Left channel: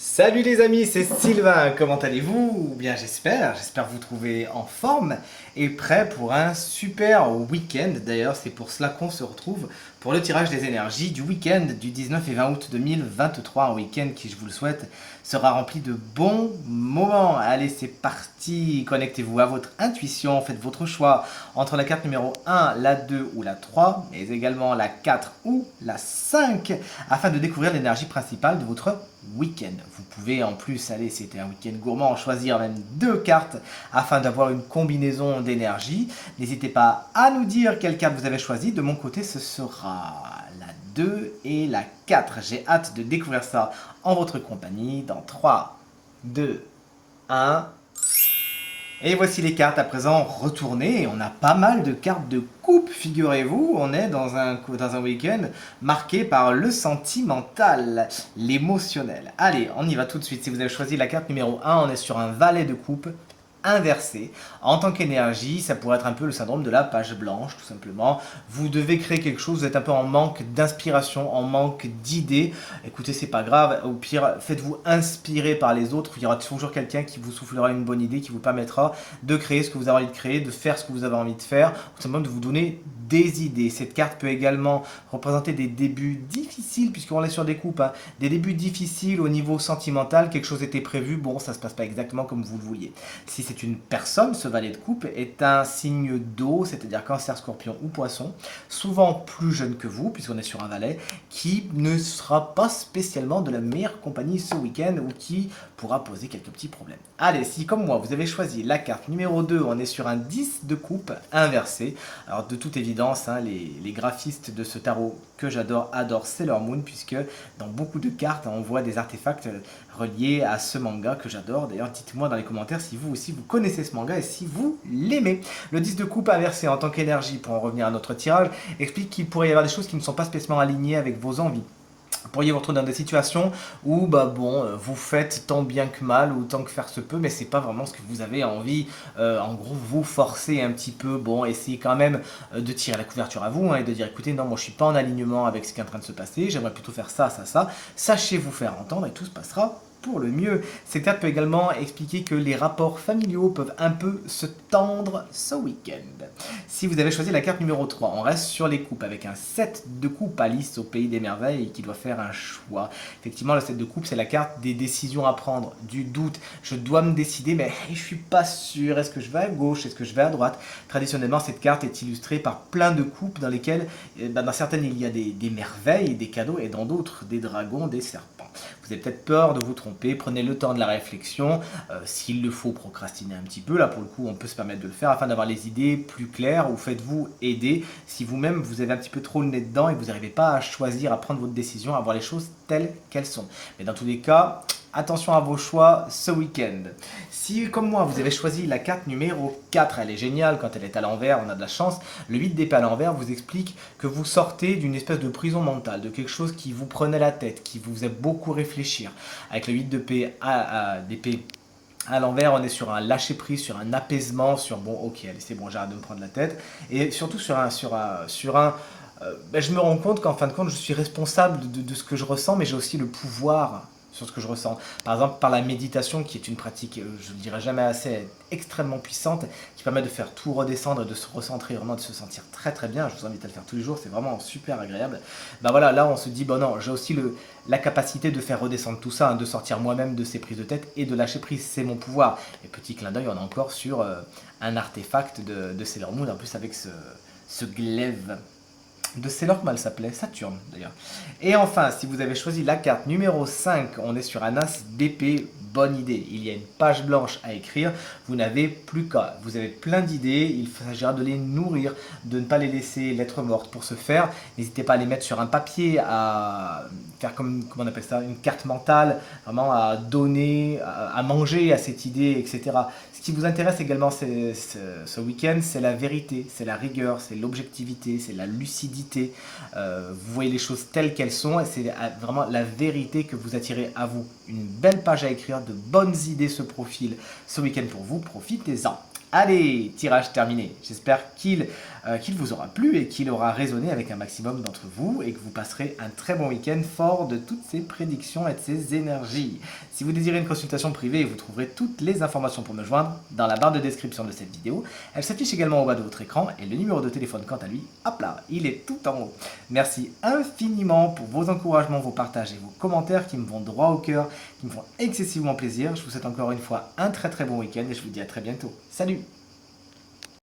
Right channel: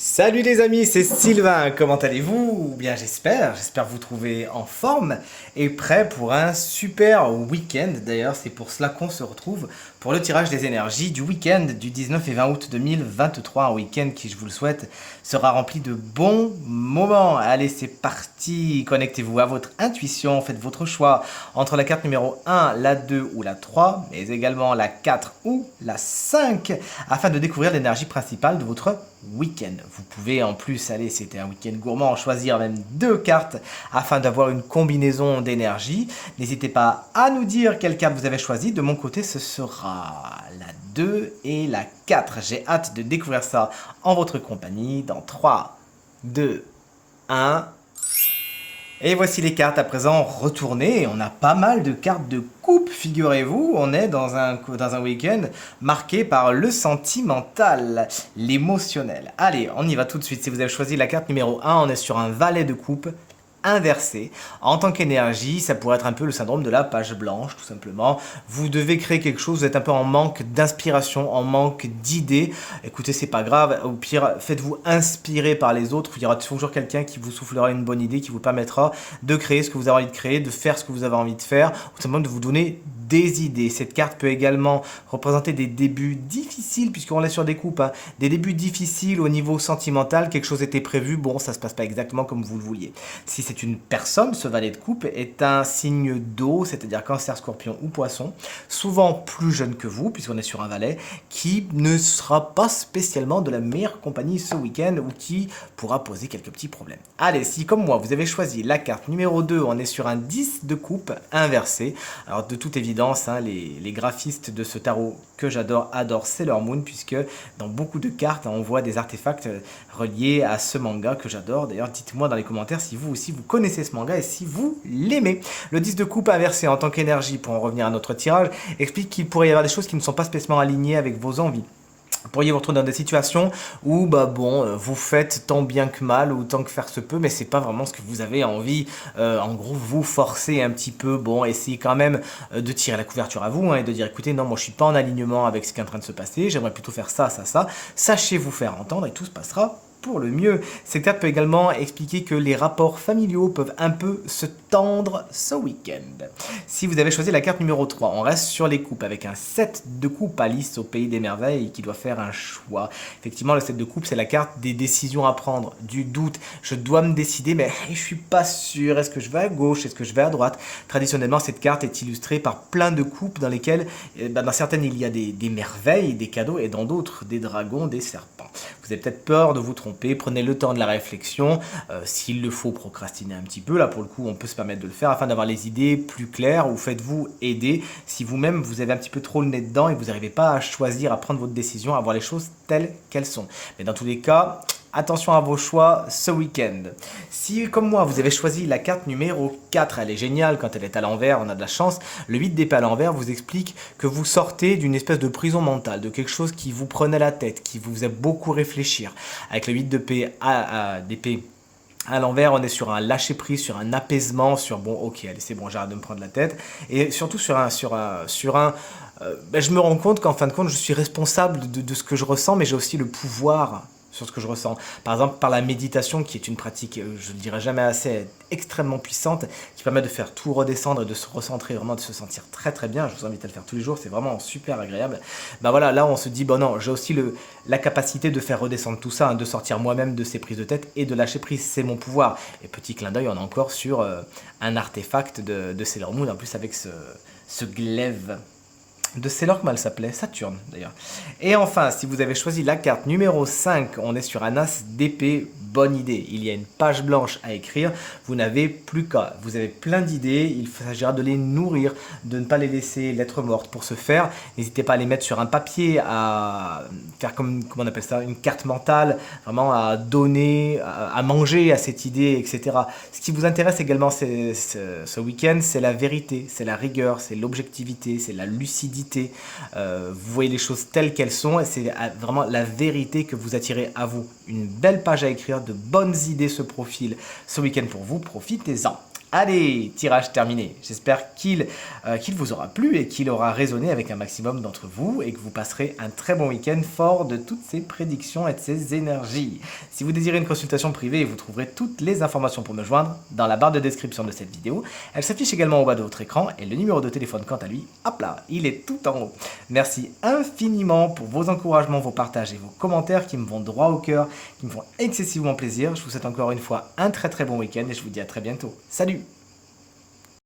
Salut les amis, c'est Sylvain, comment allez-vous? Bien j'espère vous trouver en forme et prêt pour un super week-end. D'ailleurs c'est pour cela qu'on se retrouve pour le tirage des énergies du week-end du 19 et 20 août 2023. Un week-end qui, je vous le souhaite, sera rempli de bons moments. Allez, c'est parti, connectez-vous à votre intuition, faites votre choix entre la carte numéro 1, la 2 ou la 3, mais également la 4 ou la 5, afin de découvrir l'énergie principale de votre week-end. Vous pouvez en plus, allez, c'était un week-end gourmand, choisir même deux cartes afin d'avoir une combinaison d'énergie. N'hésitez pas à nous dire quelle carte vous avez choisie. De mon côté, ce sera la 2 et la 4. J'ai hâte de découvrir ça en votre compagnie dans 3, 2, 1. Et voici les cartes à présent retournées. On a pas mal de cartes de coupe, figurez-vous. On est dans un week-end marqué par le sentimental, l'émotionnel. Allez, on y va tout de suite. Si vous avez choisi la carte numéro 1, on est sur un valet de coupe inversé. En tant qu'énergie, ça pourrait être un peu le syndrome de la page blanche, tout simplement. Vous devez créer quelque chose, vous êtes un peu en manque d'inspiration, en manque d'idées. Écoutez, c'est pas grave. Au pire, faites-vous inspirer par les autres. Il y aura toujours quelqu'un qui vous soufflera une bonne idée, qui vous permettra de créer ce que vous avez envie de créer, de faire ce que vous avez envie de faire, ou simplement de vous donner des idées. Cette carte peut également représenter des débuts difficiles, puisqu'on est sur des coupes, hein. Des débuts difficiles au niveau sentimental, quelque chose était prévu, bon, ça se passe pas exactement comme vous le vouliez. Si c'est une personne, ce valet de coupe est un signe d'eau, c'est-à-dire cancer, scorpion ou poisson, souvent plus jeune que vous, puisqu'on est sur un valet, qui ne sera pas spécialement de la meilleure compagnie ce week-end ou qui pourra poser quelques petits problèmes. Allez, si comme moi, vous avez choisi la carte numéro 2, on est sur un 10 de coupe inversé. Alors de toute évidence, hein, les graphistes de ce tarot que j'adore adorent Sailor Moon, puisque dans beaucoup de cartes, on voit des artefacts reliés à ce manga que j'adore. D'ailleurs, dites-moi dans les commentaires si vous aussi vous connaissez ce manga et si vous l'aimez. Le 10 de coupe inversé en tant qu'énergie, pour en revenir à notre tirage, explique qu'il pourrait y avoir des choses qui ne sont pas spécialement alignées avec vos envies. Vous pourriez vous retrouver dans des situations où vous faites tant bien que mal ou tant que faire se peut, mais c'est pas vraiment ce que vous avez envie. En gros, vous forcez un petit peu, essayez quand même de tirer la couverture à vous, hein, et de dire écoutez, non, moi je suis pas en alignement avec ce qui est en train de se passer, j'aimerais plutôt faire ça, ça, ça. Sachez vous faire entendre et tout se passera pour le mieux. Cette carte peut également expliquer que les rapports familiaux peuvent un peu se tendre ce week-end. Si vous avez choisi la carte numéro 3, on reste sur les coupes avec un 7 de coupe, Alice au pays des merveilles, qui doit faire un choix. Effectivement, le 7 de coupe, c'est la carte des décisions à prendre, du doute. Je dois me décider, mais je suis pas sûr. Est-ce que je vais à gauche? Est-ce que je vais à droite? Traditionnellement, cette carte est illustrée par plein de coupes dans lesquelles, dans certaines, il y a des merveilles, des cadeaux, et dans d'autres, des dragons, des serpents. Vous avez peut-être peur de vous tromper, prenez le temps de la réflexion, s'il le faut procrastiner un petit peu, là pour le coup on peut se permettre de le faire afin d'avoir les idées plus claires, ou faites-vous aider si vous-même vous avez un petit peu trop le nez dedans et que vous n'arrivez pas à choisir, à prendre votre décision, à voir les choses telles qu'elles sont. Mais dans tous les cas, attention à vos choix ce week-end. Si, comme moi, vous avez choisi la carte numéro 4, elle est géniale quand elle est à l'envers, on a de la chance. Le 8 d'épée à l'envers vous explique que vous sortez d'une espèce de prison mentale, de quelque chose qui vous prenait la tête, qui vous faisait beaucoup réfléchir. Avec le 8 d'épée à l'envers, on est sur un lâcher prise, sur un apaisement, sur bon, ok, allez, c'est bon, j'arrête de me prendre la tête. Et surtout je me rends compte qu'en fin de compte, je suis responsable de ce que je ressens, mais j'ai aussi le pouvoir sur ce que je ressens. Par exemple, par la méditation, qui est une pratique, je ne dirais jamais assez, extrêmement puissante, qui permet de faire tout redescendre, de se recentrer, vraiment de se sentir très très bien. Je vous invite à le faire tous les jours, c'est vraiment super agréable. Voilà, là on se dit, bon non, j'ai aussi la capacité de faire redescendre tout ça, hein, de sortir moi-même de ces prises de tête et de lâcher prise, c'est mon pouvoir. Et petit clin d'œil, on est encore sur un artefact de Sailor Moon, en plus avec ce glaive de Sailor, comment elle s'appelait? Saturne d'ailleurs. Et enfin, si vous avez choisi la carte numéro 5, on est sur un as d'épée. Bonne idée, il y a une page blanche à écrire, vous n'avez plus qu'à, vous avez plein d'idées, il s'agira de les nourrir, de ne pas les laisser lettres mortes. Pour ce faire, n'hésitez pas à les mettre sur un papier, à faire comment on appelle ça, une carte mentale, vraiment à donner, à manger à cette idée, etc. Ce qui vous intéresse également ce week-end, c'est la vérité, c'est la rigueur, c'est l'objectivité, c'est la lucidité. Vous voyez les choses telles qu'elles sont et c'est vraiment la vérité que vous attirez à vous. Une belle page à écrire, de bonnes idées se profilent ce week-end pour vous, profitez-en. Allez, tirage terminé. J'espère qu'il vous aura plu et qu'il aura résonné avec un maximum d'entre vous et que vous passerez un très bon week-end fort de toutes ces prédictions et de ces énergies. Si vous désirez une consultation privée, vous trouverez toutes les informations pour me joindre dans la barre de description de cette vidéo. Elle s'affiche également au bas de votre écran et le numéro de téléphone quant à lui, hop là, il est tout en haut. Merci infiniment pour vos encouragements, vos partages et vos commentaires qui me vont droit au cœur, qui me font excessivement plaisir. Je vous souhaite encore une fois un très très bon week-end et je vous dis à très bientôt. Salut!